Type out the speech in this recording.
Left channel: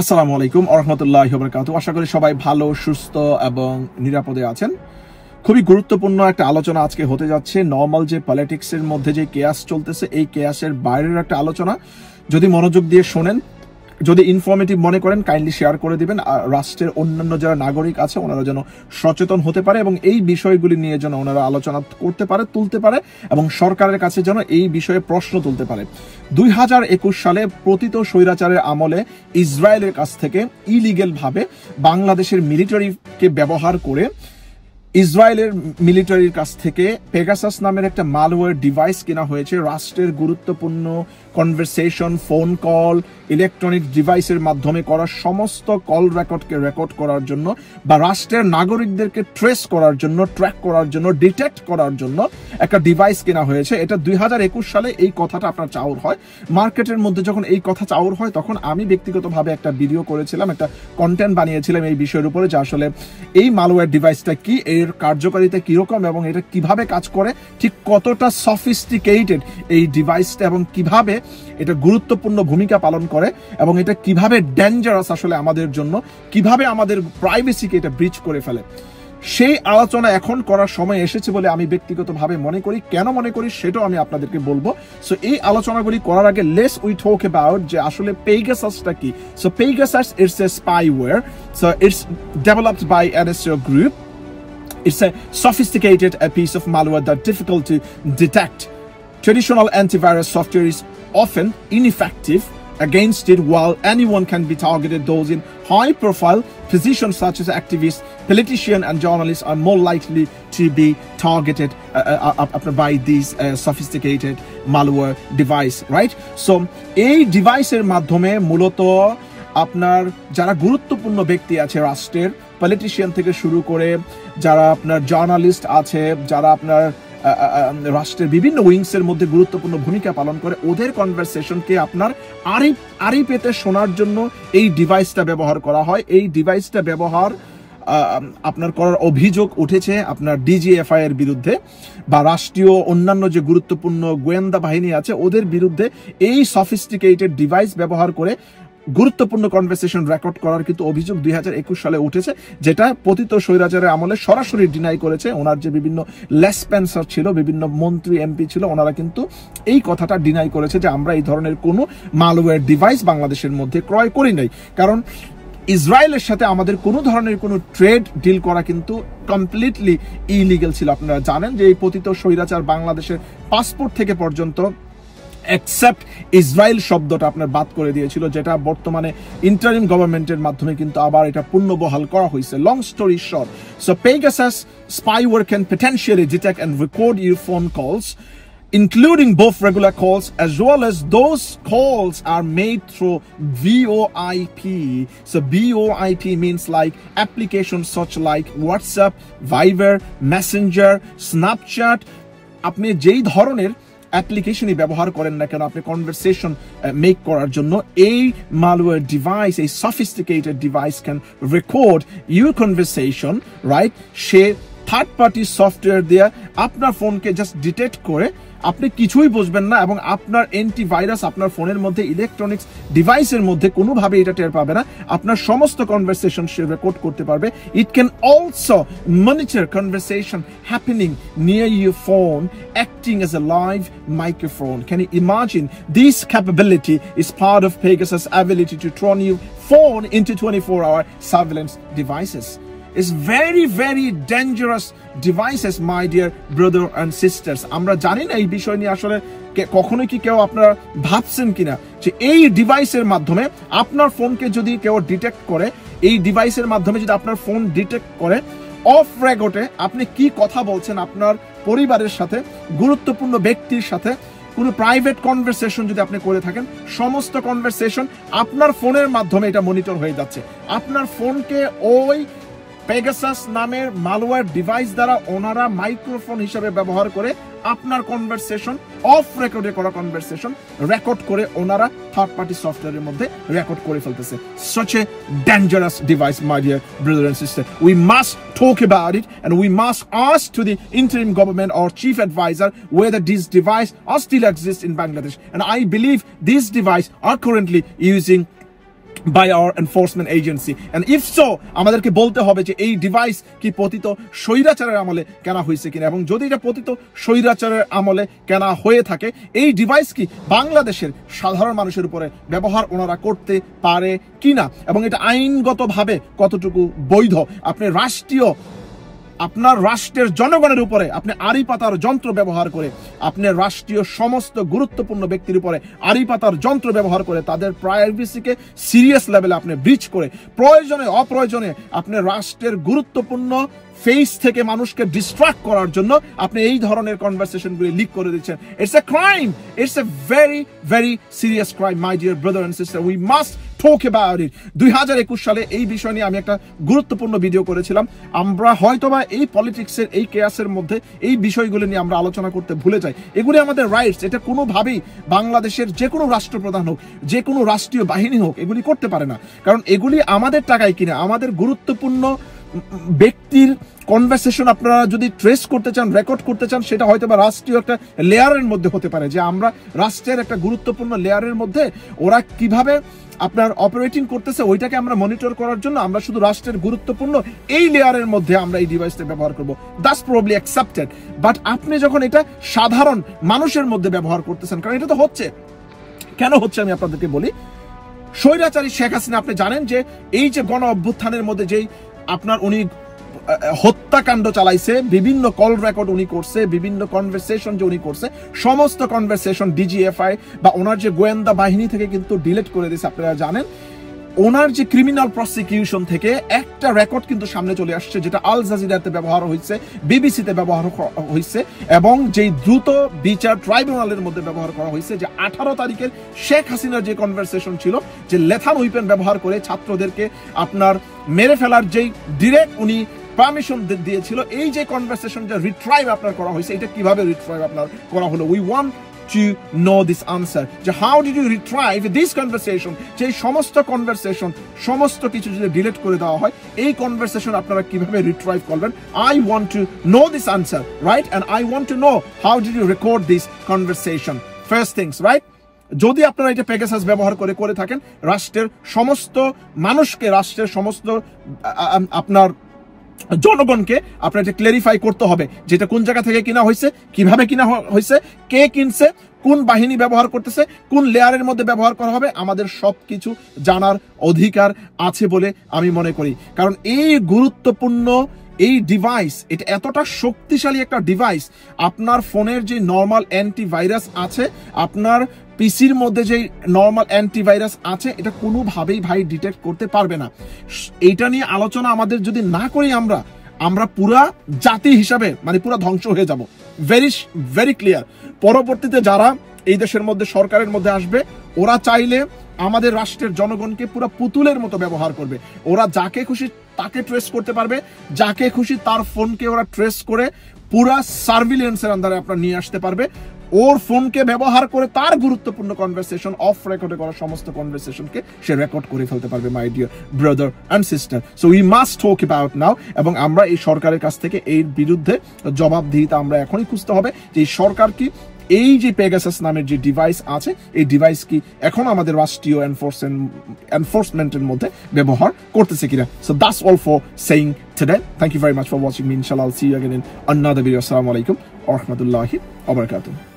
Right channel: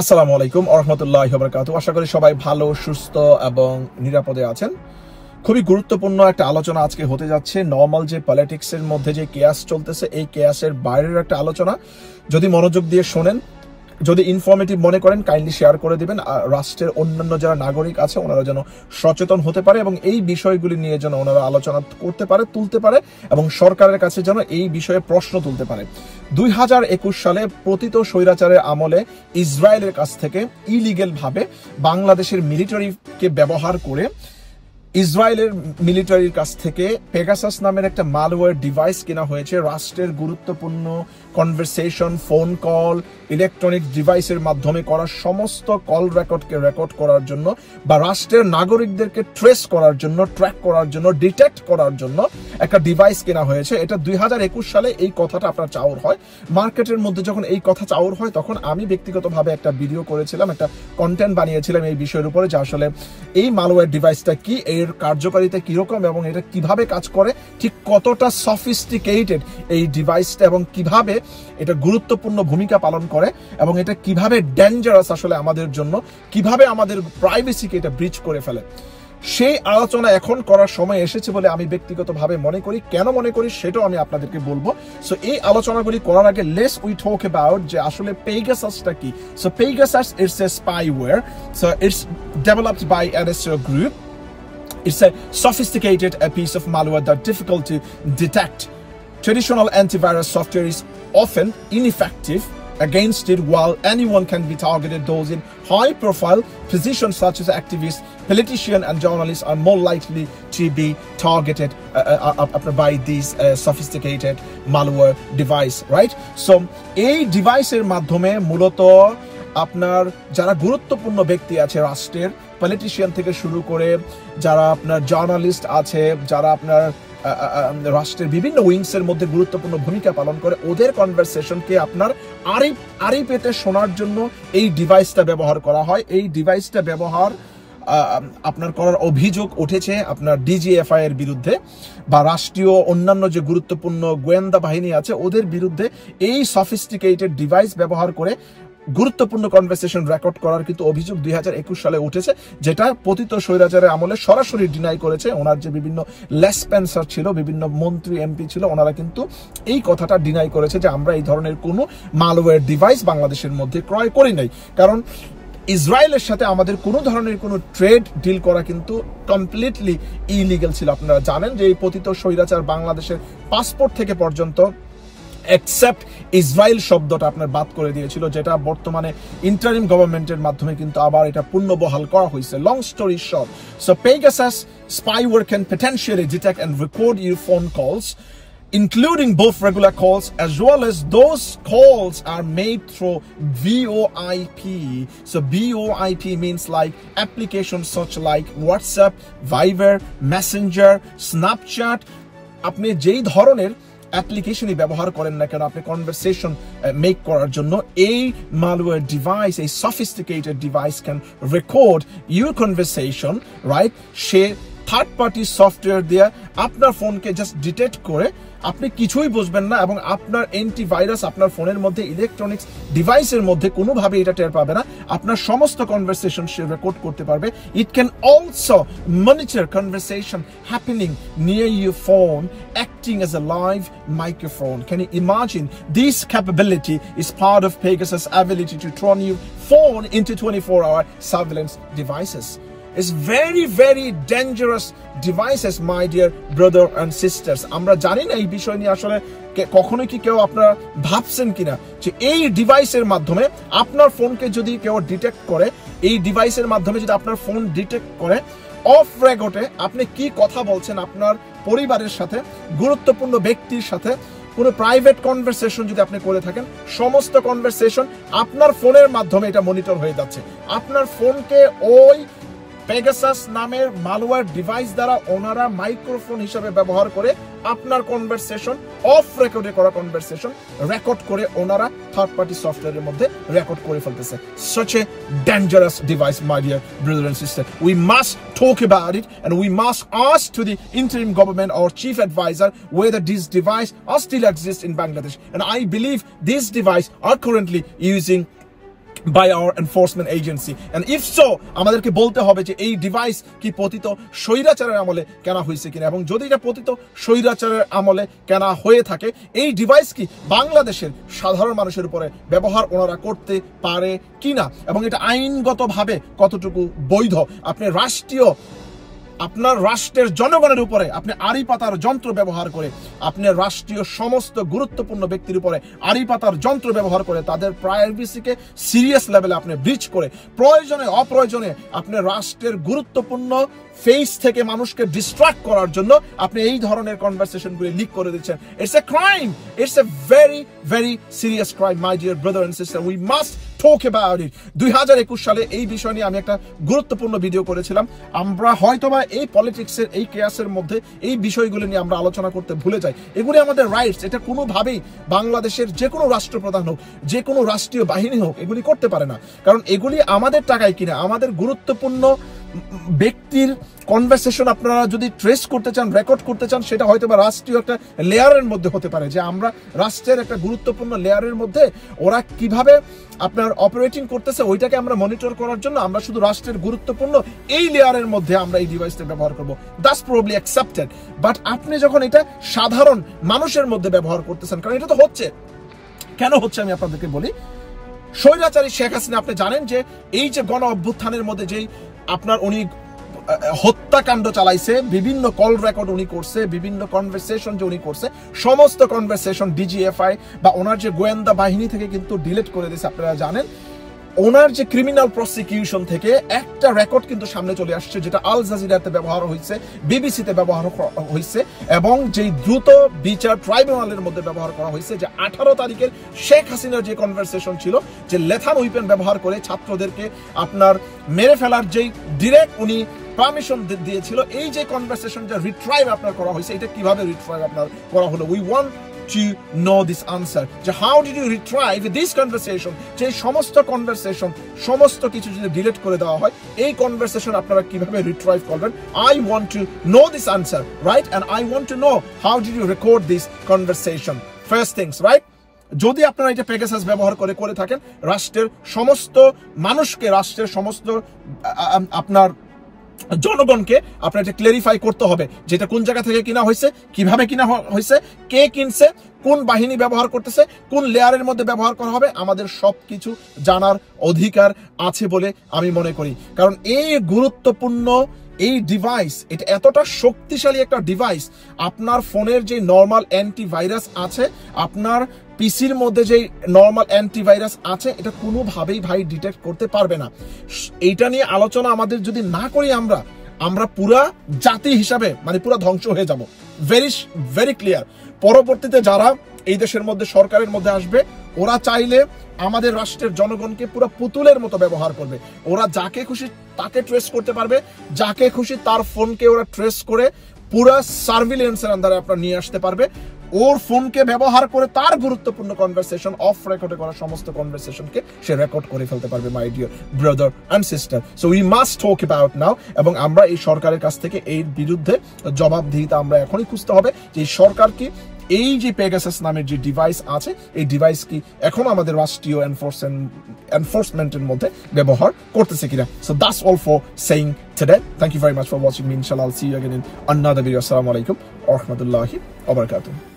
আসসালামু আলাইকুম ওয়া রাহমাতুল্লাহি ওয়া বারাকাতুহু। আশা করি সবাই ভালো, সুস্থ এবং নিরাপদে আছেন। খুবই গুরুত্বপূর্ণ একটা আলোচনা আজকে হতে যাচ্ছে। নরমাল যে পলিটিক্সের মধ্যে যে কেয়াস চলতেছে, এই কেয়াসের বাইরের একটা আলোচনা। যদি মনোযোগ দিয়ে শোনেন, যদি ইনফরমেটিভ মনে করেন, কাইন্ডলি শেয়ার করে দিবেন। রাষ্ট্রের অন্যান্য যারা নাগরিক আছে ওনারা যেন সচেতন হতে পারে এবং এই বিষয়গুলি নিয়ে যেন ওনারা আলোচনা করতে পারে, তুলতে পারে এবং সরকারের কাছে যেন এই বিষয়ে প্রশ্ন তুলতে পারে। 2021 সালে পতিত স্বৈরাচারের আমলে ইসরায়েলের কাছ থেকে ইলিগেল ভাবে বাংলাদেশের মিলিটারিকে ব্যবহার করে ইসরায়েলের মিলিটারির কাছ থেকে পেগাসাস নামের একটা মালওয়্যার ডিভাইস কেনা হয়েছে। রাষ্ট্রের গুরুত্বপূর্ণ কনভারসেশন, ফোন কল, ইলেকট্রনিক ডিভাইসের মাধ্যমে করা সমস্ত কল রেকর্ডকে রেকর্ড করার জন্য বা রাষ্ট্রের নাগরিকদেরকে ট্রেস করার জন্য, ট্র্যাক করার জন্য, ডিটেক্ট করার জন্য একটা ডিভাইস কেনা হয়েছে। এটা 2021 সালে এই কথাটা আপনার চাউর হয়। মার্কেটের মধ্যে যখন এই কথা চাউর হয়, তখন আমি ব্যক্তিগতভাবে একটা ভিডিও করেছিলাম, একটা কন্টেন্ট বানিয়েছিলাম এই বিষয়ের উপরে, যে আসলে এই মালওয়্যার ডিভাইসটা কি, এর কার্যকারিতা কিরকম এবং এটা কিভাবে কাজ করে, ঠিক কতটা সফিস্টিকেটেড এই ডিভাইসটা এবং কিভাবে এটা গুরুত্বপূর্ণ ভূমিকা পালন করে এবং এটা কিভাবে ডেঞ্জারাস আসলে আমাদের জন্য, কিভাবে আমাদের প্রাইভেসিকে এটা ব্রিচ করে ফেলে। সেই আলোচনা এখন করার সময় এসেছে বলে আমি ব্যক্তিগতভাবে মনে করি। কেন মনে করি সেটাও আমি আপনাদেরকে বলবো। সো এই আলোচনাগুলি করার আগে লেটস উই টক অ্যাবাউট যে আসলে পেগাসাসটা কি। So Pegasus it's a spyware. So it's developed by NSO Group. It's a sophisticated piece of malware that's difficult to detect. Traditional antivirus software is often ineffective against it, while anyone can be targeted. Those in high-profile positions such as activists, politicians, and journalists are more likely to be targeted by these sophisticated malware device, right? So, এই ডিভাইসের মাধ্যমে মূলত আপনার যারা গুরুত্বপূর্ণ ব্যক্তি আছে রাষ্ট্রের, পলিটিশিয়ান থেকে শুরু করে যারা আপনার জার্নালিস্ট আছে, যারা আপনার রাষ্ট্রের বিভিন্ন উইংসের মধ্যে গুরুত্বপূর্ণ ভূমিকা পালন করে, ওদের কনভারসেশনকে আপনার আড়ি পেতে শোনার জন্য এই ডিভাইসটা ব্যবহার করা হয়। এই ডিভাইসটা ব্যবহার আপনার করার অভিযোগ উঠেছে আপনার DGFI এর বিরুদ্ধে বা রাষ্ট্রীয় অন্যান্য যে গুরুত্বপূর্ণ গোয়েন্দা বাহিনী আছে ওদের বিরুদ্ধে। এই সফিস্টিকেটেড ডিভাইস ব্যবহার করে গুরুত্বপূর্ণ কনভারসেশন রেকর্ড করার কিন্তু অভিযোগ 2021 সালে উঠেছে, যেটা পতিত স্বৈরাচারের আমলে সরাসরি ডিনাই করেছে। ওনার যে বিভিন্ন লেসপেন্সার ছিল, বিভিন্ন মন্ত্রী এমপি ছিল, ওনারা কিন্তু এই কথাটা ডিনাই করেছে যে আমরা এই ধরনের কোনো মালওয়্যার ডিভাইস বাংলাদেশের মধ্যে ক্রয় করি নাই। কারণ ইসরায়েলের সাথে আমাদের কোনো ধরনের কোনো ট্রেড ডিল করা কিন্তু কমপ্লিটলি ইলিগাল ছিল। আপনারা জানেন যে এই পতিত স্বৈরাচার বাংলাদেশের পাসপোর্ট থেকে পর্যন্ত এক্সেপ্ট ইসরায়েল শব্দটা আপনার বাদ করে দিয়েছিল, যেটা বর্তমানে ইন্টারিম গভর্নমেন্টের মাধ্যমে কিন্তু আবার এটা পুনর্বহাল করা হয়েছে। Long story short, so Pegasus spyware can potentially detect and record your phone calls, including both regular calls as well as those calls are made through VoIP. So VoIP means like applications such like WhatsApp, Viber, Messenger, Snapchat. আপনি যেই ধরনের অ্যাপ্লিকেশনই ব্যবহার করেন না কেন, আপনি conversation make করার জন্য এই মালওয়্যার ডিভাইস, এই sophisticated device can record your conversation, right? Say third party software দিয়ে আপনার ফোনকে জাস্ট ডিটেক্ট করে আপনি কিছুই বুঝবেন না এবং আপনার অ্যান্টিভাইরাস আপনার ফোনের মধ্যে, ইলেকট্রনিক্স ডিভাইসের মধ্যে কোনোভাবে এটা টের পাবে না। আপনার সমস্ত কনভারসেশন সে রেকর্ড করতে পারবে। It can also monitor conversation happening near your phone, acting as a live microphone. Can you imagine? This capability is part of Pegasus' ability to turn your phone into 24-hour surveillance devices. It's very, very dangerous devices, my dear brother and sisters. আমরা জানি না এই বিষয় নিয়ে আসলে কখনো কি কেউ আপনারা ভাবছেন কিনা যে এই ডিভাইসের মাধ্যমে আপনার ফোনকে যদি কেউ ডিটেক্ট করে, এই ডিভাইসের মাধ্যমে যদি আপনার ফোন ডিটেক্ট করে, অফ রেকর্ডে আপনি কি কথা বলছেন আপনার পরিবারের সাথে, গুরুত্বপূর্ণ ব্যক্তির সাথে, কোনো প্রাইভেট কনভারসেশন যদি আপনি করে থাকেন, সমস্ত কনভারসেশন আপনার ফোনের মাধ্যমে এটা মনিটর হয়ে যাচ্ছে। আপনার ফোনকে ওই পেগাসাস নামের মালওয়্যার ডিভাইস দ্বারা ওনারা মাইক্রোফোন হিসেবে ব্যবহার করে আপনার কনভারসেশন, অফ রেকর্ডে করা কনভারসেশন রেকর্ড করে ওনারা থার্ড পার্টি সফটওয়্যারের মধ্যে রেকর্ড করে ফেলতেছে। Such a dangerous device, my dear brother and sister. We must talk about it and we must ask to the interim government or chief advisor whether this device still exists in Bangladesh. And I believe this device are currently using by our enforcement agency, and if so আমাদেরকে বলতে হবে যে এই device কি পতিত স্বৈরাচারের আমলে কেনা হয়েছে কিনা, এবং যদি এটা পতিত স্বৈরাচারের আমলে কেনা হয়ে থাকে এই ডিভাইস কি বাংলাদেশের সাধারণ মানুষের উপরে ব্যবহার ওনারা করতে পারে কিনা, এবং এটা আইনগতভাবে কতটুকু বৈধ। আপনি আপনার রাষ্ট্রের জনগণের উপরে আপনি আড়ি পাতার যন্ত্র ব্যবহার করে, আপনি রাষ্ট্রীয় সমস্ত গুরুত্বপূর্ণ ব্যক্তির উপরে আড়ি পাতার যন্ত্র ব্যবহার করে তাদের প্রাইভেসিকে সিরিয়াস লেভেলে আপনি ব্রিচ করে প্রয়োজনে অপ্রয়োজনে আপনি রাষ্ট্রের গুরুত্বপূর্ণ ফেস থেকে মানুষকে ডিস্ট্রাক্ট করার জন্য আপনি এই ধরনের কনভারসেশনগুলি লিক করে দিচ্ছেন। It's a crime, it's a very very serious crime my dear brother and sister, we must talk about it. 2021 সালে এই বিষয় নিয়ে আমি একটা গুরুত্বপূর্ণ ভিডিও করেছিলাম। আমরা হয়তোবা এই পলিটিক্সের এই কেয়াসের মধ্যে এই বিষয়গুলো নিয়ে আমরা আলোচনা করতে ভুলে যাই। এগুলি আমাদের রাইটস, এটা কোনোভাবেই বাংলাদেশের যে কোনো রাষ্ট্রপ্রধান হোক, যে কোনো রাষ্ট্রীয় বাহিনী হোক এগুলি করতে পারে না, কারণ এগুলি আমাদের টাকায় কিনা। আমাদের গুরুত্বপূর্ণ ব্যক্তির কনভারসেশন আপনারা যদি ট্রেস করতে চান, রেকর্ড করতে চান, সেটা হয়তো বা রাষ্ট্রীয় একটা লেয়ারের মধ্যে হতে পারে, যে আমরা রাষ্ট্রের একটা গুরুত্বপূর্ণ লেয়ারের মধ্যে ওরা কিভাবে আপনার অপারেটিং করতেছে ওইটাকে আমরা মনিটর করার জন্য আমরা শুধু রাষ্ট্রের গুরুত্বপূর্ণ এই লেয়ারের মধ্যে আমরা এই ডিভাইসটা ব্যবহার করব, দ্যাটস প্রবাবলি অ্যাকসেপ্টেড। বাট আপনি যখন এটা সাধারণ মানুষের মধ্যে ব্যবহার করতেছেন, কারণ এটা তো হচ্ছে, কেন হচ্ছে আমি আপনাদেরকে বলি। স্বৈরাচারী শেখ হাসিনা, আপনি জানেন যে এই যে গণ অভ্যুত্থানের মধ্যে যেই আপনার উনি হত্যাকাণ্ড চালাইছে, বিভিন্ন কল রেকর্ড উনি করছে, বিভিন্ন কনভারসেশন যে উনি করছে, সমস্ত কনভারসেশন ডিজিএফআই বা ওনার যে গোয়েন্দা বাহিনী থেকে কিন্তু ডিলিট করে দিয়েছে। আপনারা জানেন ওনার যে ক্রিমিনাল প্রসিকিউশন থেকে একটা রেকর্ড কিন্তু সামনে চলে আসছে, যেটা আল জাজিরাতে ব্যবহার হয়েছে, বিবিসিতে ব্যবহার হয়েছে, এবং যেই দ্রুত বিচার ট্রাইব্যুনালের মধ্যে ব্যবহার করা হয়েছে, যে 18 তারিখের শেখ হাসিনার যে কনভারসেশন ছিল, যে লেথান উইপেন ব্যবহার করে ছাত্রদেরকে আপনার মেরে ফেলার যেই ডিরেক্ট উনি পারমিশন দিয়েছিল, এই যে কনভারসেশন যে রিট্রাইভ আপনার করা হয়েছে, এটা কিভাবে রিট্রাইভ আপনার করা হলো? We want to know this answer, যে how did you retrieve this conversation, যে সমস্ত কনভারসেশন সমস্ত কিছু যদি ডিলিট করে দেওয়া হয় এই কনভারসেশন আপনারা কিভাবে রিট্রাইভ করবেন? I want to know this answer, right? And I want to know how did you record this conversation, first things, right? যদি আপনারা এটা পেগাসাস ব্যবহার করে থাকেন, রাষ্ট্রের সমস্ত মানুষকে, রাষ্ট্রের সমস্ত আপনার জনগণকে আপনার এটা ক্লারিফাই করতে হবে, যেটা কোন জায়গা থেকে কিনা হয়েছে, কিভাবে কিনা হয়েছে, কে কিনছে, কোন বাহিনী ব্যবহার করতেছে, কোন লেয়ারের মধ্যে ব্যবহার করা হবে, আমাদের সবকিছু জানার অধিকার আছে বলে আমি মনে করি। কারণ এই গুরুত্বপূর্ণ এই ডিভাইস, এটা এতটা শক্তিশালী একটা ডিভাইস, আপনার ফোনের যে নর্মাল অ্যান্টিভাইরাস আছে, আপনার পিসির মধ্যে যে নর্মাল অ্যান্টিভাইরাস আছে, এটা কোনোভাবেই ভাই ডিটেক্ট করতে পারবে না। এইটা নিয়ে আলোচনা আমাদের যদি না করি আমরা পুরা জাতি হিসাবে মানে পুরা ধ্বংস হয়ে যাব। Very very clear. পরবর্তীতে যারা এই দেশের মধ্যে সরকারের মধ্যে আসবে, ওরা চাইলে আমাদের রাষ্ট্রের জনগণকে পুরো পুতুলের মতো ব্যবহার করবে। ওরা যাকে খুশি তাকে ট্রেস করতে পারবে, যাকে খুশি তার ফোনকে ওরা ট্রেস করে পুরা সার্ভিলেন্সের আন্ডারে আপনার নিয়ে আসতে পারবে। ওর ফোনকে ব্যবহার করে তার গুরুত্বপূর্ণ কনভারসেশন, অফ রেকর্ডে করা সমস্ত কনভারসেশনকে সে রেকর্ড করে ফেলতে পারবে, my dear brother and sister. So we must talk about now, এবং আমরা এই সরকারের কাছ থেকে এর বিরুদ্ধে জবাবদিহিতা আমরা এখনই খুঁজতে হবে, যে এই সরকার কি এই যে পেগাসাস নামের যে ডিভাইস আছে, এই ডিভাইস কি এখন আমাদের রাষ্ট্রীয় এনফোর্সমেন্টের মধ্যে ব্যবহার করতেছে কিনা। So that's all for saying today. Thank you very much for watching me. ইনশাআল্লাহ I'll see you again in another video. Assalamu alaikum wa rahmatullahi wa barakatuh.